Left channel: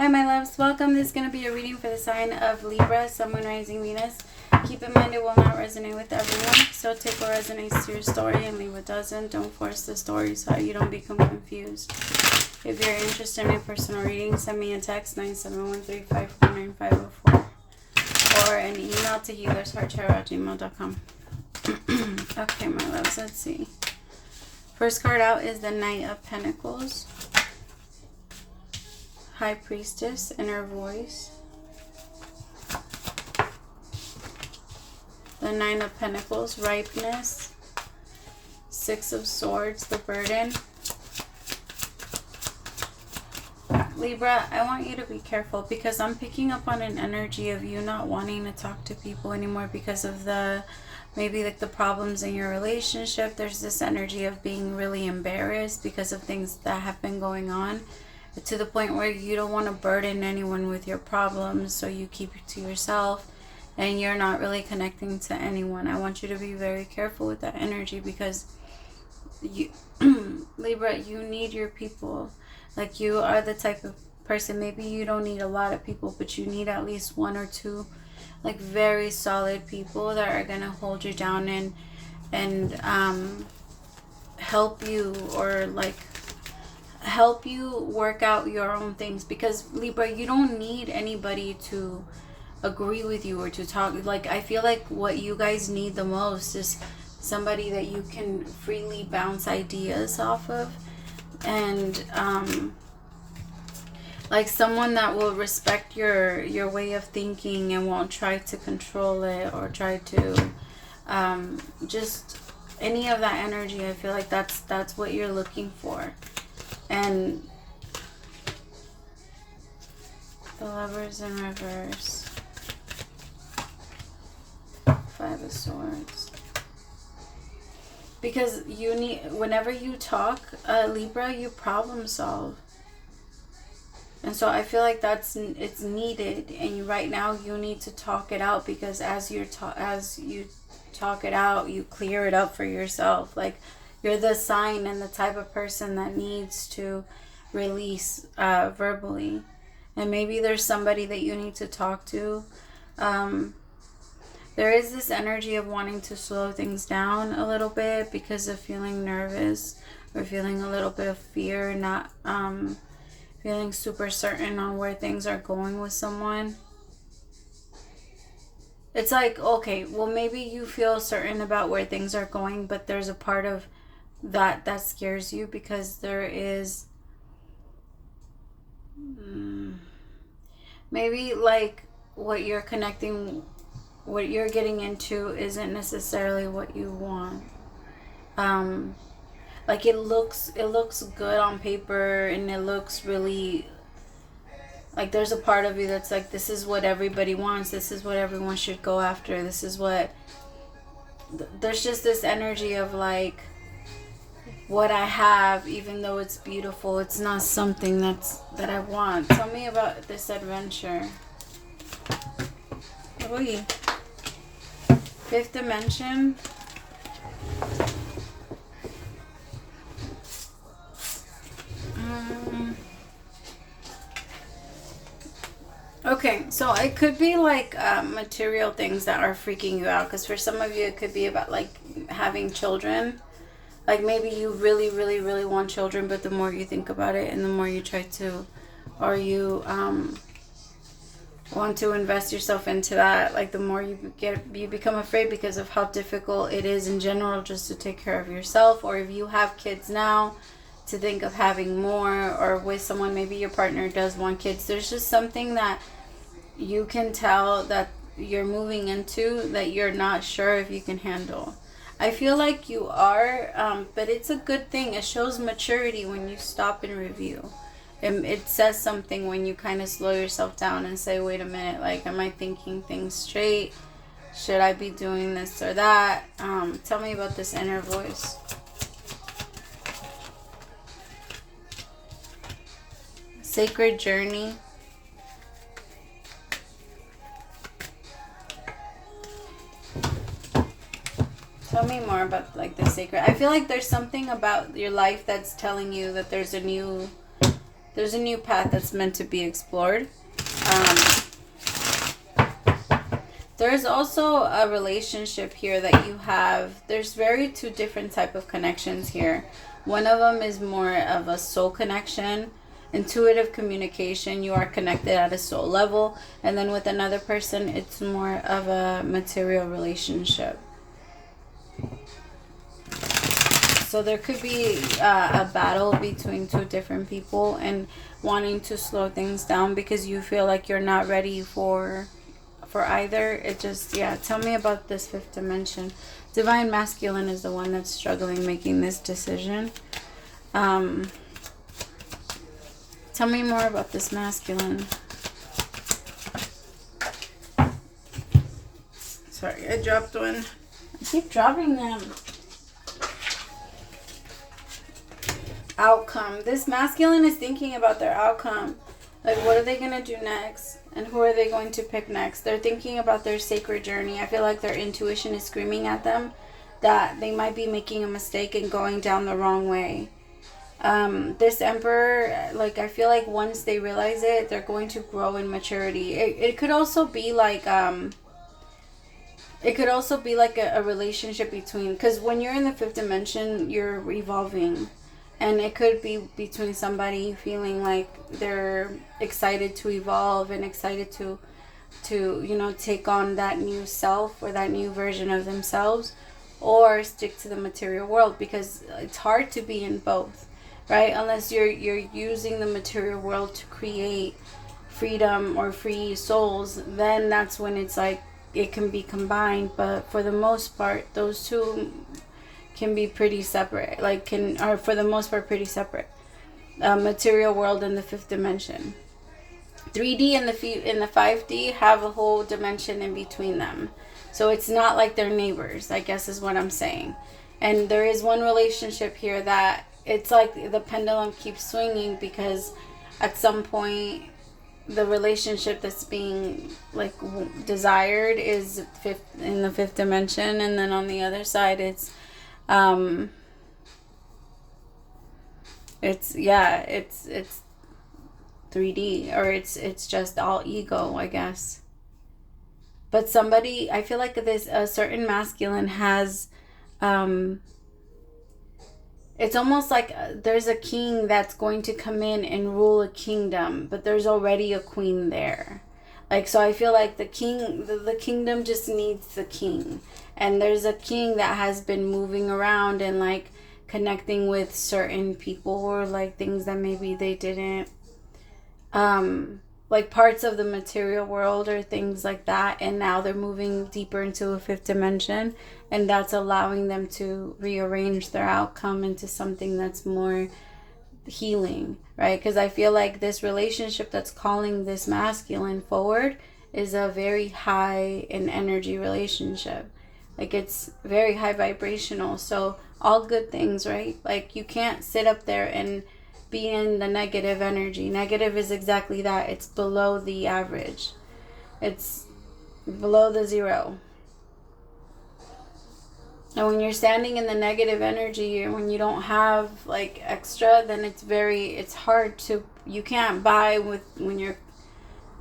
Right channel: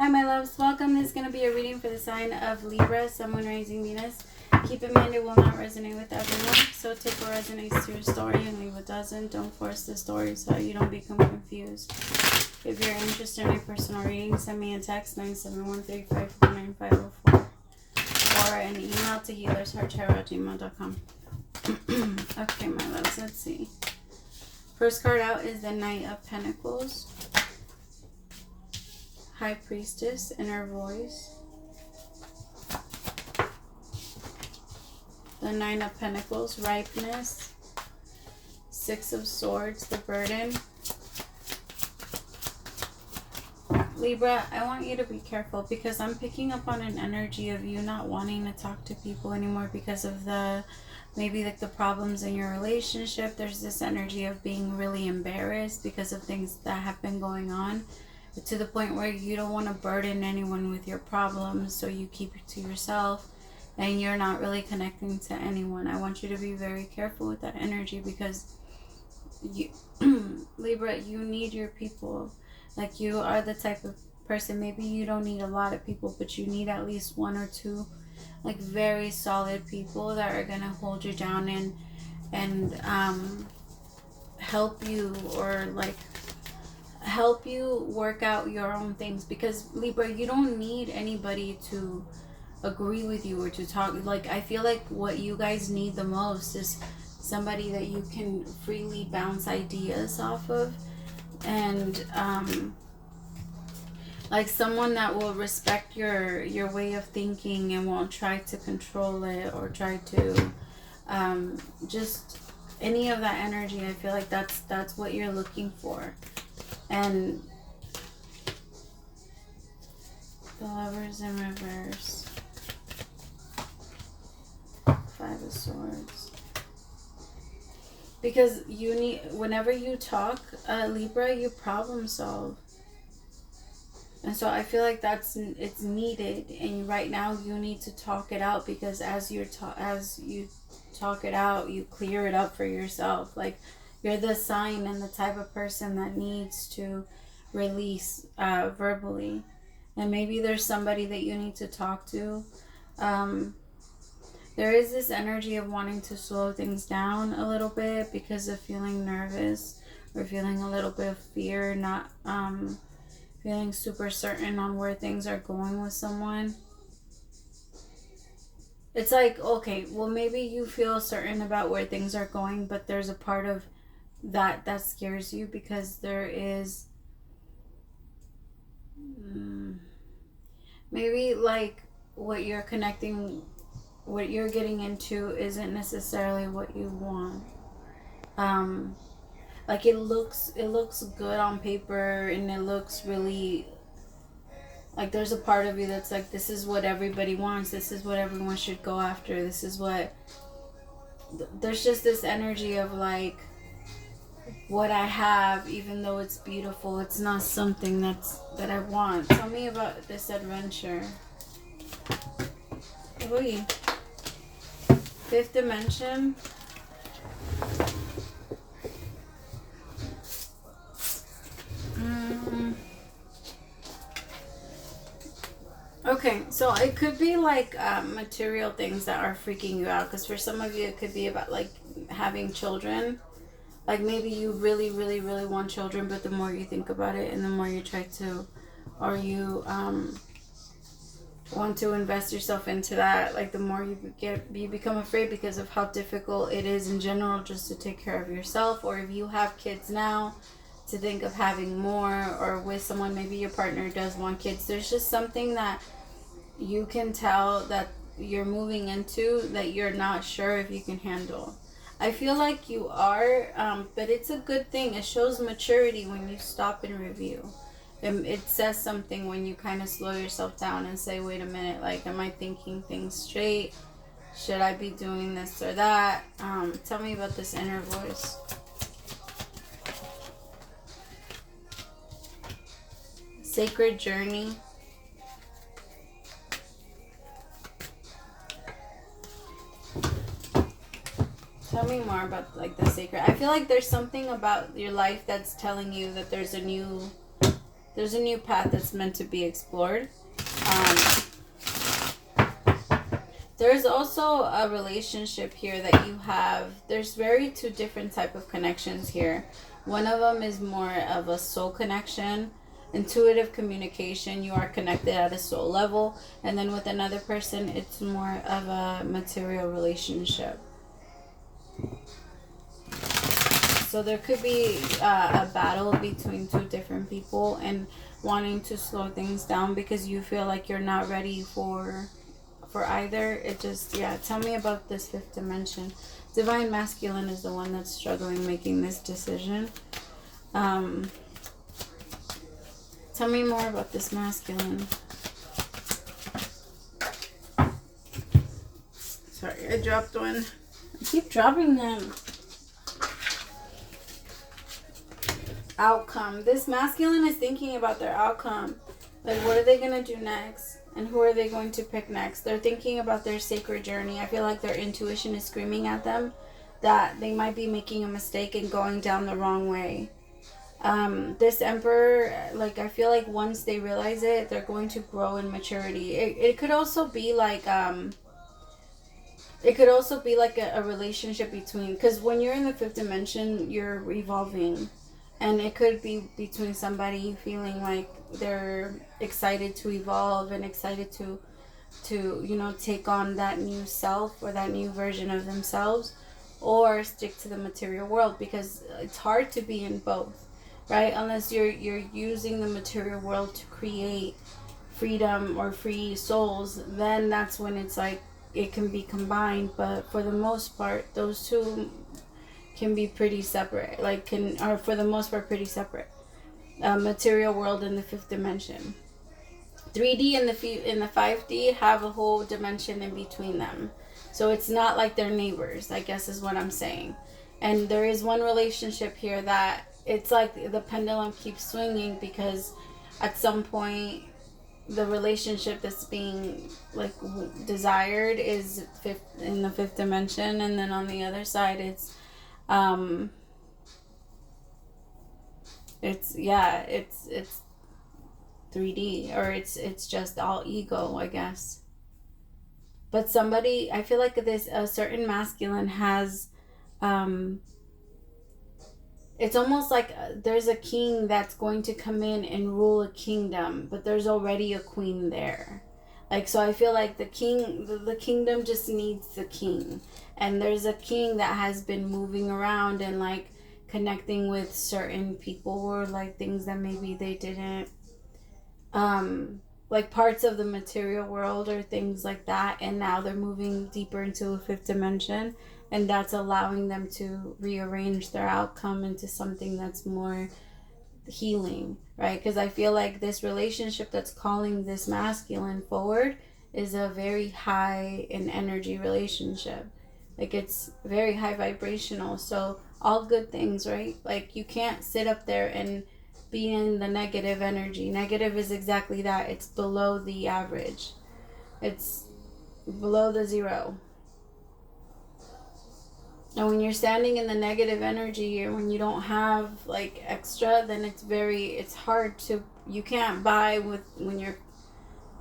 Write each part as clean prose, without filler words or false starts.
Hi my loves, welcome. This is going to be a reading for the sign of Libra, Sun, Moon, Rising, Venus. Keep in mind it will not resonate with everyone, so take what resonates to your story and leave what doesn't. Don't force the story so you don't become confused. If you're interested in a personal reading, send me a text 971-354-9504 or an email to HealersHeartTarot@gmail.com. Okay my loves, let's see. First card out is the Knight of Pentacles, High Priestess, Inner Voice, the Nine of Pentacles, Ripeness, Six of Swords, the Burden. Libra, I want you to be careful because I'm picking up on an energy of you not wanting to talk to people anymore because of maybe like the problems in your relationship. There's this energy of being really embarrassed because of things that have been going on, to the point where you don't want to burden anyone with your problems, so you keep it to yourself and you're not really connecting to anyone. I want you to be very careful with that energy because you Libra, you need your people. Like, you are the type of person, maybe you don't need a lot of people, but you need at least one or two like very solid people that are gonna hold you down and help you, or like help you work out your own things. Because Libra, you don't need anybody to agree with you or to talk. Like, I feel like what you guys need the most is somebody that you can freely bounce ideas off of, and like someone that will respect your way of thinking and won't try to control it or try to just any of that energy. I feel like that's what you're looking for. And the Lovers in reverse, Five of Swords. Because you need, whenever you talk, Libra, you problem solve. And so I feel like it's needed, and right now you need to talk it out, because as you talk it out, you clear it up for yourself. Like, you're the sign and the type of person that needs to release verbally. And maybe there's somebody that you need to talk to. There is this energy of wanting to slow things down a little bit because of feeling nervous or feeling a little bit of fear, not feeling super certain on where things are going with someone. It's like, okay, well, maybe you feel certain about where things are going, but there's a part of that scares you, because there is maybe like what you're getting into isn't necessarily what you want. Like, it looks good on paper, and it looks really like there's a part of you that's like, this is what everybody wants, this is what everyone should go after, this is what, there's just this energy of like, what I have, even though it's beautiful, it's not something that I want. Tell me about this adventure. Oy. Fifth dimension. Okay, so it could be like material things that are freaking you out, because for some of you it could be about like having children. Like, maybe you really, really, really want children, but the more you think about it and the more you try to, or you want to invest yourself into that, like the more you become afraid because of how difficult it is in general just to take care of yourself. Or if you have kids now, to think of having more, or with someone, maybe your partner does want kids. There's just something that you can tell that you're moving into that you're not sure if you can handle. I feel like you are, but it's a good thing. It shows maturity when you stop and review. It says something when you kind of slow yourself down and say, wait a minute, like, am I thinking things straight? Should I be doing this or that? Tell me about this inner voice. Sacred journey. Tell me more about like the sacred. I feel like there's something about your life that's telling you that there's a new There's a new path that's meant to be explored. There's also a relationship here that you have. There's two different type of connections here. One of them is more of a soul connection, intuitive communication. You are connected at a soul level. And then with another person, it's more of a material relationship. So there could be a battle between two different people and wanting to slow things down because you feel like you're not ready for either. It just, yeah, tell me about this fifth dimension. Divine Masculine is the one that's struggling making this decision. Tell me more about this masculine. Sorry, I dropped one. I keep dropping them. Outcome. This masculine is thinking about their outcome. Like, what are they going to do next? And who are they going to pick next? They're thinking about their sacred journey. I feel like their intuition is screaming at them that they might be making a mistake and going down the wrong way. This Emperor, like, I feel like once they realize it, they're going to grow in maturity. It could also be like, a relationship between, because when you're in the fifth dimension, you're evolving. And it could be between somebody feeling like they're excited to evolve and excited to take on that new self or that new version of themselves, or stick to the material world, because it's hard to be in both, right? Unless you're using the material world to create freedom or free souls, then that's when it's like it can be combined. But for the most part, those two can be pretty separate, are for the most part pretty separate. Material world and the fifth dimension. 3D and the 5D have a whole dimension in between them. So it's not like they're neighbors, I guess is what I'm saying. And there is one relationship here that it's like the pendulum keeps swinging, because at some point the relationship that's being like desired is in the fifth dimension, and then on the other side it's 3D, or it's just all ego, I guess. But somebody, I feel like a certain masculine has, it's almost like there's a king that's going to come in and rule a kingdom, but there's already a queen there. Like, so I feel like the kingdom just needs the king. And there's a king that has been moving around and like connecting with certain people, or like things that maybe they didn't, like parts of the material world or things like that. And now they're moving deeper into a fifth dimension, and that's allowing them to rearrange their outcome into something that's more healing, right? Because I feel like this relationship that's calling this masculine forward is a very high in energy relationship. Like, it's very high vibrational. So all good things, right? Like, you can't sit up there and be in the negative energy. Negative is exactly that. It's below the average. It's below the zero. And when you're standing in the negative energy, or when you don't have like extra, then it's hard to, you can't buy when your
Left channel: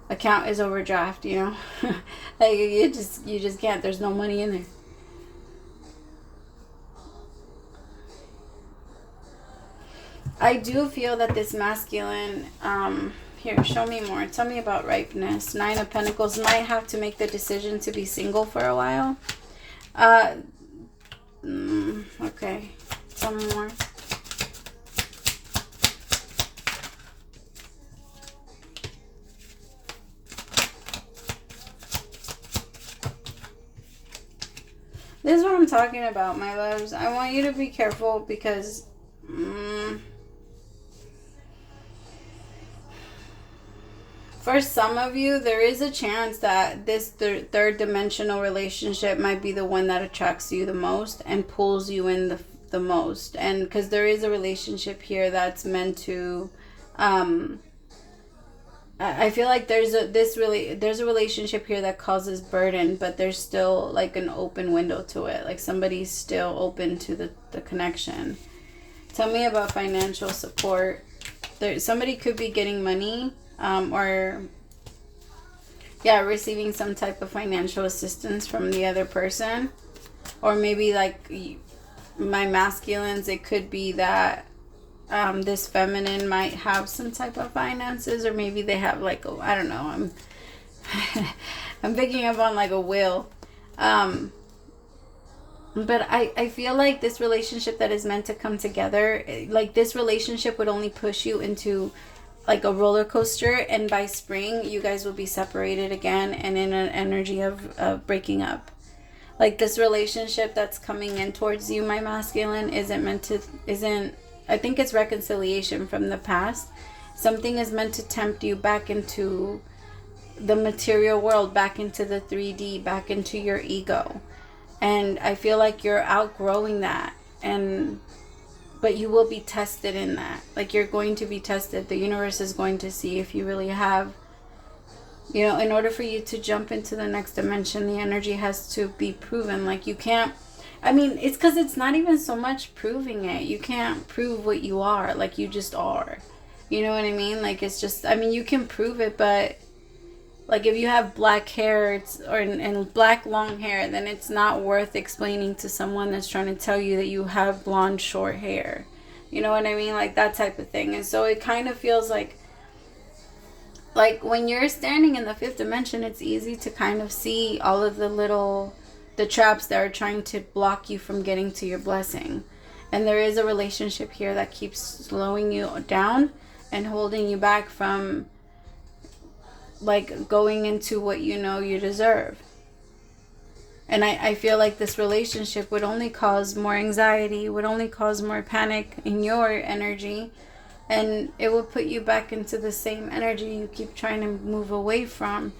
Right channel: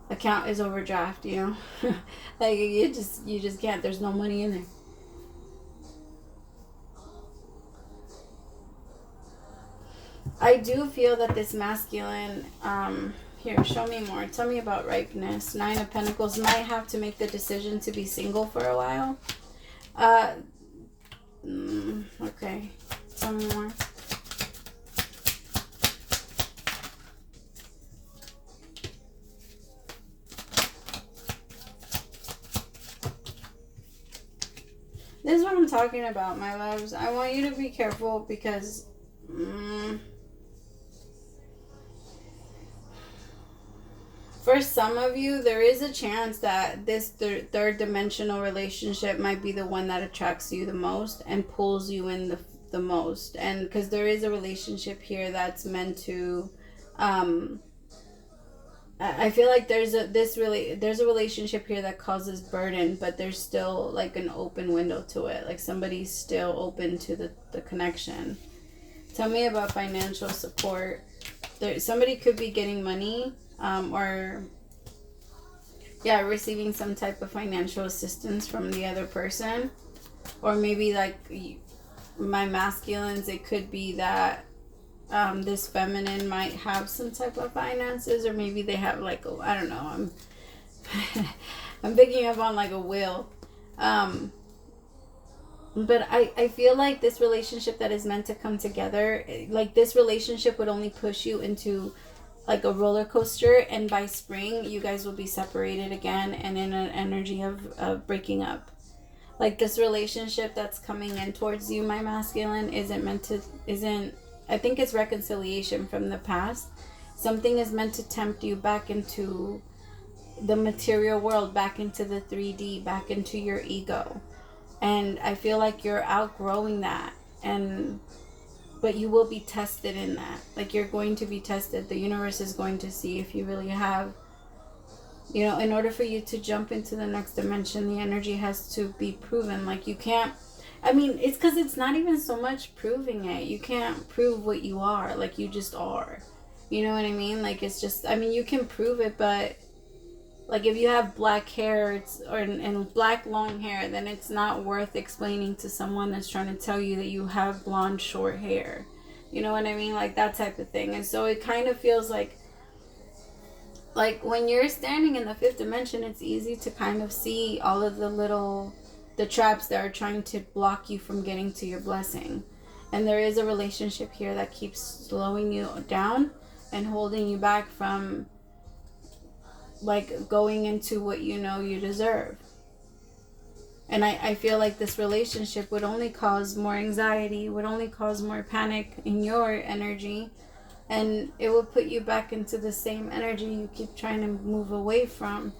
account is overdraft, like you just can't. There's no money in there. I do feel that this masculine, here, show me more. Tell me about ripeness. 9 of Pentacles, might have to make the decision to be single for a while. Okay, tell me more. This is what I'm talking about, my loves. I want you to be careful, because for some of you, there is a chance that this third dimensional relationship might be the one that attracts you the most and pulls you in the most. And because there is a relationship here that's meant to, I feel like there's a relationship here that causes burden, but there's still like an open window to it. Like, somebody's still open to the connection. Tell me about financial support. somebody could be getting money, or receiving some type of financial assistance from the other person. Or maybe like my masculines, it could be that this feminine might have some type of finances, or maybe they have like I don't know, I'm picking up on like a will. But I feel like this relationship that is meant to come together, like this relationship would only push you into like a roller coaster, and by spring you guys will be separated again and in an energy of breaking up. Like this relationship that's coming in towards you, my masculine, I think it's reconciliation from the past. Something is meant to tempt you back into the material world, back into the 3D, back into your ego. And I feel like you're outgrowing that, but you will be tested in that. Like you're going to be tested. The universe is going to see if you really have, in order for you to jump into the next dimension, the energy has to be proven. Like you can't, it's because it's not even so much proving it. You can't prove what you are. Like you just are. You know what I mean? Like it's just, you can prove it, but like if you have black hair and black long hair, then it's not worth explaining to someone that's trying to tell you that you have blonde short hair. You know what I mean? Like that type of thing. And so it kind of feels like when you're standing in the fifth dimension, it's easy to kind of see all of the traps that are trying to block you from getting to your blessing. And there is a relationship here that keeps slowing you down and holding you back from like going into what you deserve. And I feel like this relationship would only cause more anxiety, would only cause more panic in your energy, and it will put you back into the same energy you keep trying to move away from.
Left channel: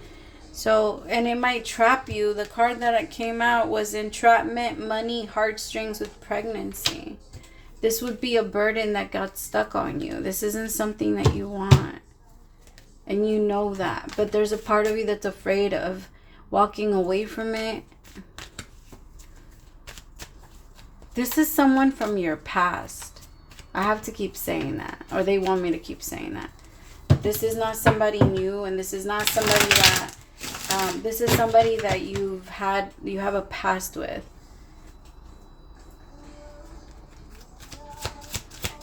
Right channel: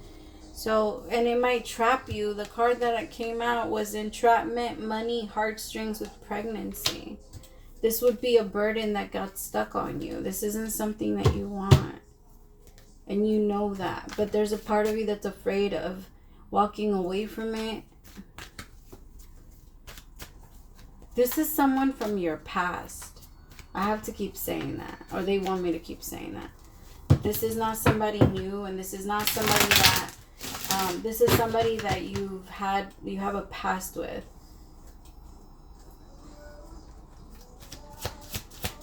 So, and it might trap you. The card that came out was entrapment, money, heartstrings with pregnancy. This would be a burden that got stuck on you. This isn't something that you want. And you know that. But there's a part of you that's afraid of walking away from it. This is someone from your past. I have to keep saying that. Or they want me to keep saying that. This is not somebody new. And this is not somebody that... this is somebody that you have a past with.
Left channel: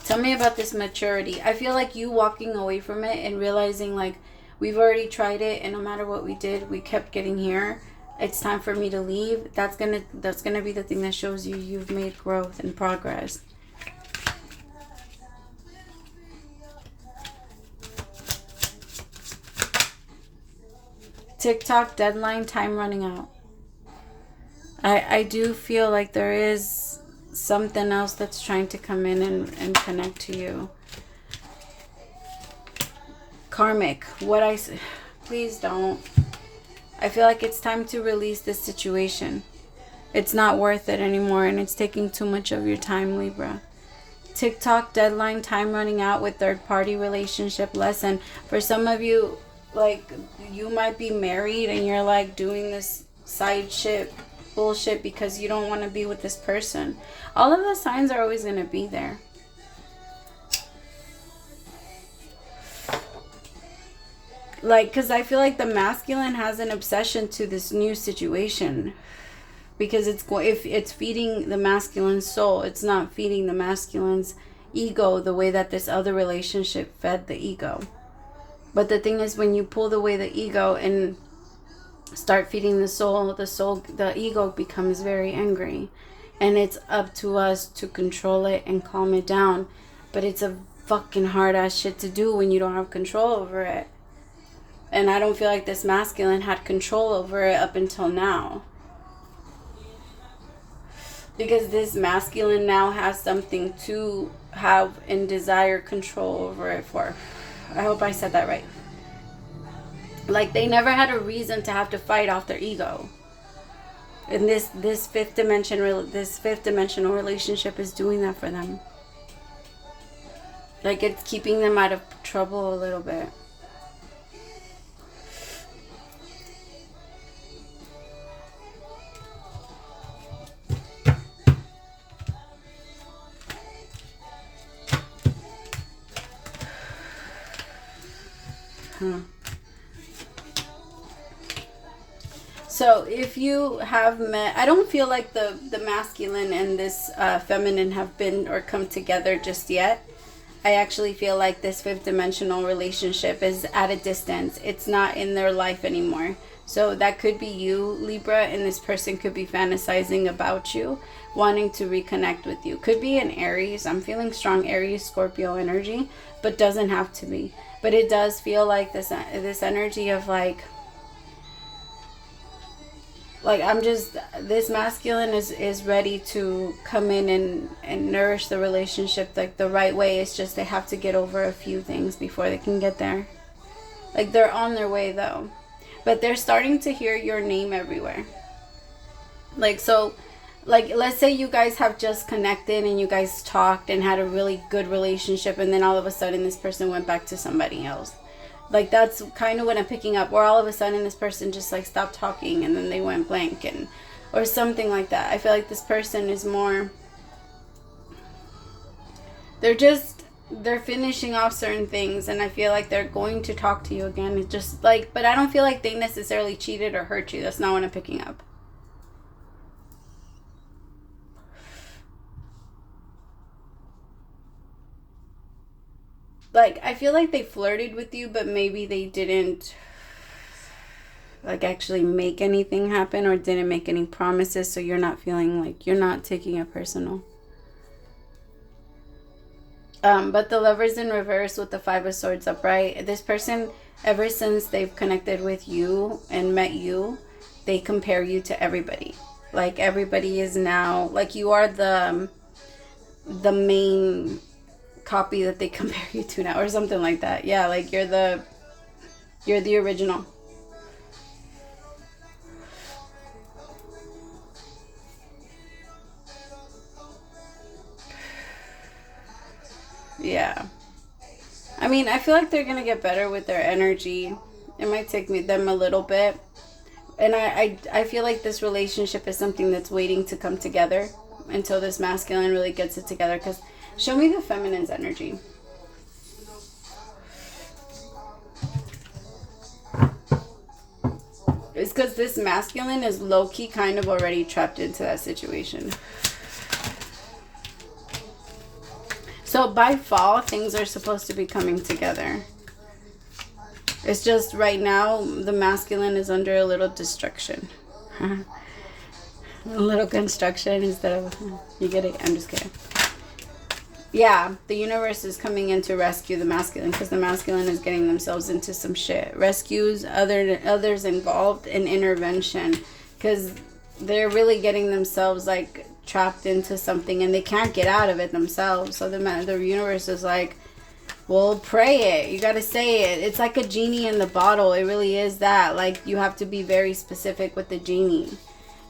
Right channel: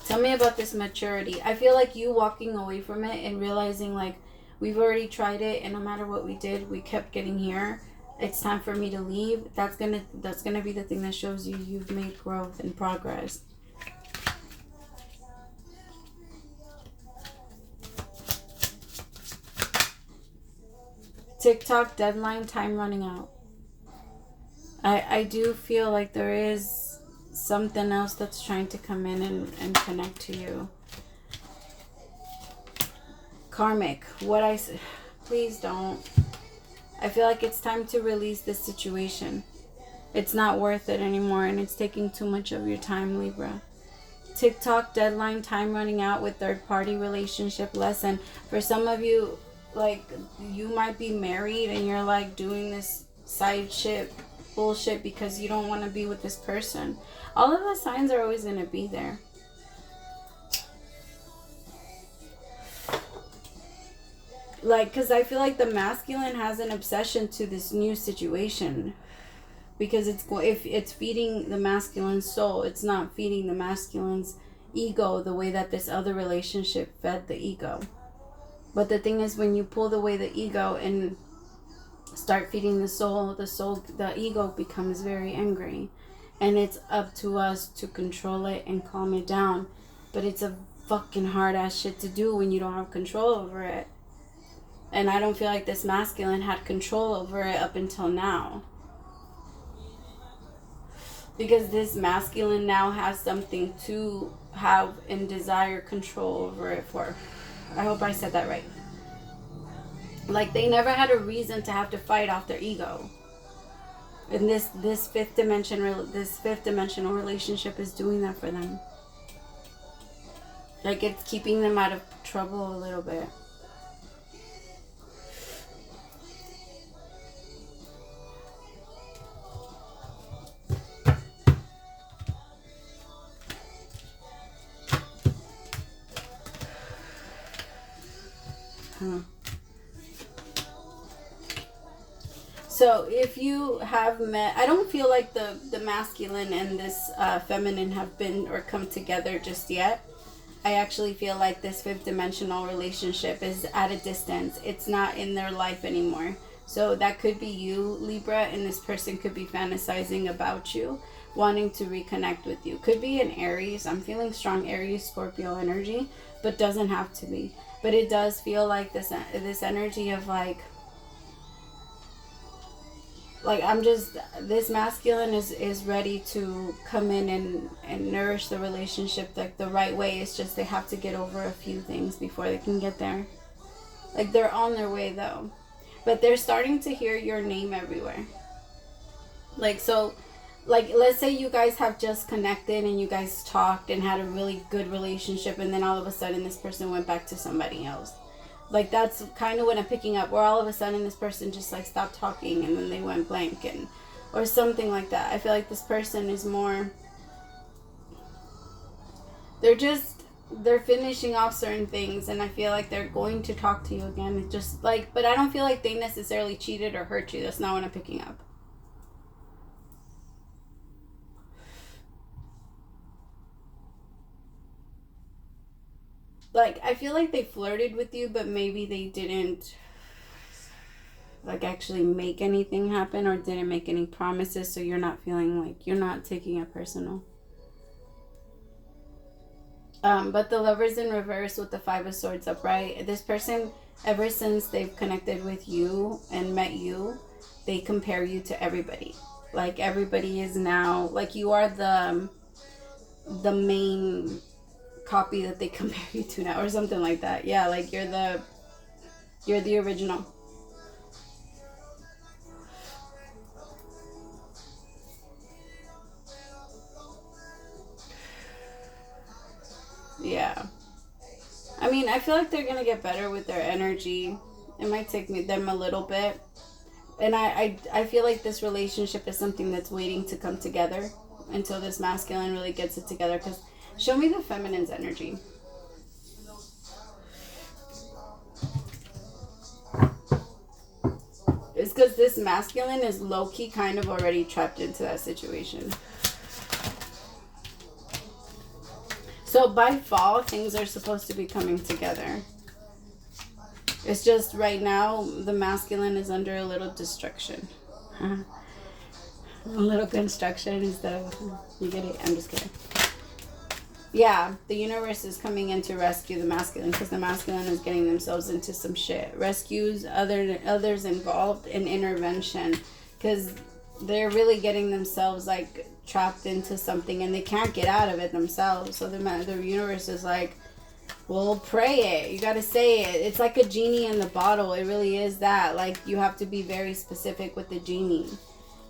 Tell me about this maturity. I feel like you walking away from it and realizing like we've already tried it, and no matter what we did, we kept getting here. It's time for me to leave. That's gonna be the thing that shows you you've made growth and progress. TikTok deadline, time running out. I do feel like there is something else that's trying to come in and connect to you. Karmic, please don't. I feel like it's time to release this situation. It's not worth it anymore, and it's taking too much of your time, Libra. TikTok deadline, time running out with third-party relationship lesson. For some of you, like, you might be married and you're like doing this side shit bullshit because you don't want to be with this person. All of the signs are always going to be there. Like, because I feel like the masculine has an obsession to this new situation, because if it's feeding the masculine soul, it's not feeding the masculine's ego the way that this other relationship fed the ego. But the thing is, when you pull away the ego and start feeding the soul, the ego becomes very angry. And it's up to us to control it and calm it down. But it's a fucking hard ass shit to do when you don't have control over it. And I don't feel like this masculine had control over it up until now. Because this masculine now has something to have and desire control over it for. I hope I said that right. Like, they never had a reason to have to fight off their ego. And this fifth dimensional relationship is doing that for them. Like, it's keeping them out of trouble a little bit. So if you have met, I don't feel like the masculine and this feminine have been or come together just yet. I actually feel like this fifth dimensional relationship is at a distance. It's not in their life anymore. So that could be you, Libra, and this person could be fantasizing about you, wanting to reconnect with you. Could be an Aries. I'm feeling strong Aries, Scorpio energy, but doesn't have to be. But it does feel like this energy of like I'm just, this masculine is ready to come in and nourish the relationship like the right way. It's just they have to get over a few things before they can get there. Like they're on their way though. But they're starting to hear your name everywhere. Like, so, like, let's say you guys have just connected and you guys talked and had a really good relationship, and then all of a sudden this person went back to somebody else. Like, that's kind of what I'm picking up. Where all of a sudden this person just, like, stopped talking and then they went blank, and or something like that. I feel like this person is more... They're finishing off certain things, and I feel like they're going to talk to you again. It's just, like... But I don't feel like they necessarily cheated or hurt you. That's not what I'm picking up. Like, I feel like they flirted with you, but maybe they didn't, like, actually make anything happen or didn't make any promises, so you're not feeling like you're not taking it personal. But the Lovers in reverse with the Five of Swords upright, this person, ever since they've connected with you and met you, they compare you to everybody. Like, everybody is now, like, you are the main copy that they compare you to now, or something like that. Yeah, like you're the original. Yeah, I mean, I feel like they're gonna get better with their energy. It might take them a little bit, and I feel like this relationship is something that's waiting to come together until this masculine really gets it together. Because show me the feminine's energy. It's because this masculine is low-key kind of already trapped into that situation. So by fall, things are supposed to be coming together. It's just right now, the masculine is under a little destruction. A little construction instead of... You get it? I'm just kidding. Yeah, the universe is coming in to rescue the masculine, because the masculine is getting themselves into some shit. Rescues others involved in intervention, because they're really getting themselves like trapped into something and they can't get out of it themselves. So the universe is like, well, pray it. You got to say it. It's like a genie in the bottle. It really is that. Like, you have to be very specific with the genie.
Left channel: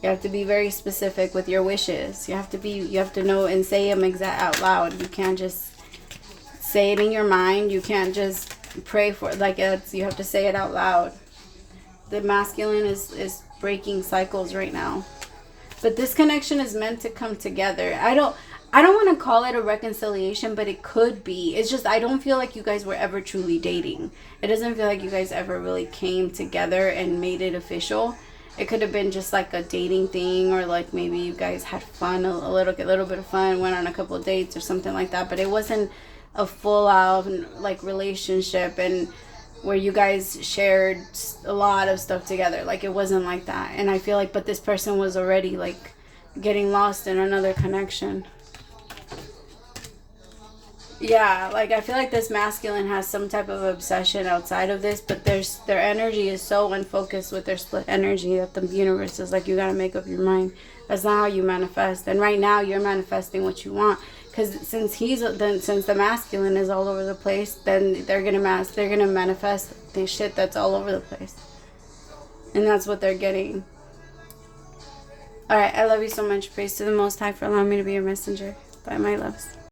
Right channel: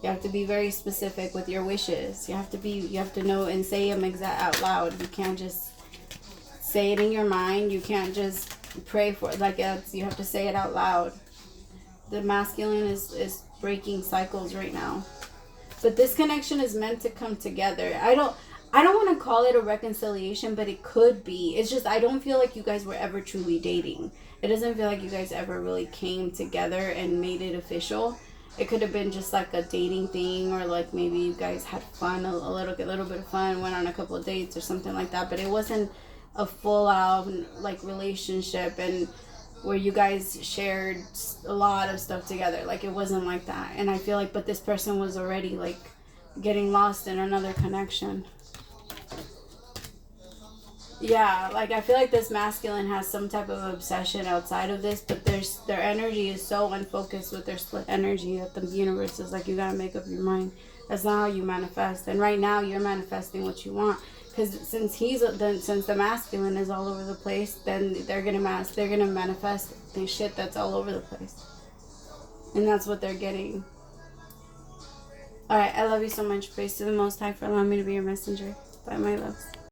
You have to be very specific with your wishes. You have to know and say them out loud. You can't just say it in your mind. You can't just pray for it. Like, you have to say it out loud. The masculine is breaking cycles right now. But this connection is meant to come together. I don't want to call it a reconciliation, but it could be. It's just, I don't feel like you guys were ever truly dating. It doesn't feel like you guys ever really came together and made it official. It could have been just like a dating thing, or like maybe you guys had fun, a little bit of fun, went on a couple of dates or something like that. But it wasn't a full out like relationship and where you guys shared a lot of stuff together. Like, it wasn't like that. And I feel like, but this person was already like getting lost in another connection. Yeah, like, I feel like this masculine has some type of obsession outside of this, but their energy is so unfocused with their split energy that the universe is like, you gotta make up your mind. That's not how you manifest. And right now you're manifesting what you want, because since the masculine is all over the place, then they're gonna manifest the shit that's all over the place, and that's what they're getting. All right, I love you so much. Praise to the Most High for allowing me to be your messenger. Bye, my loves.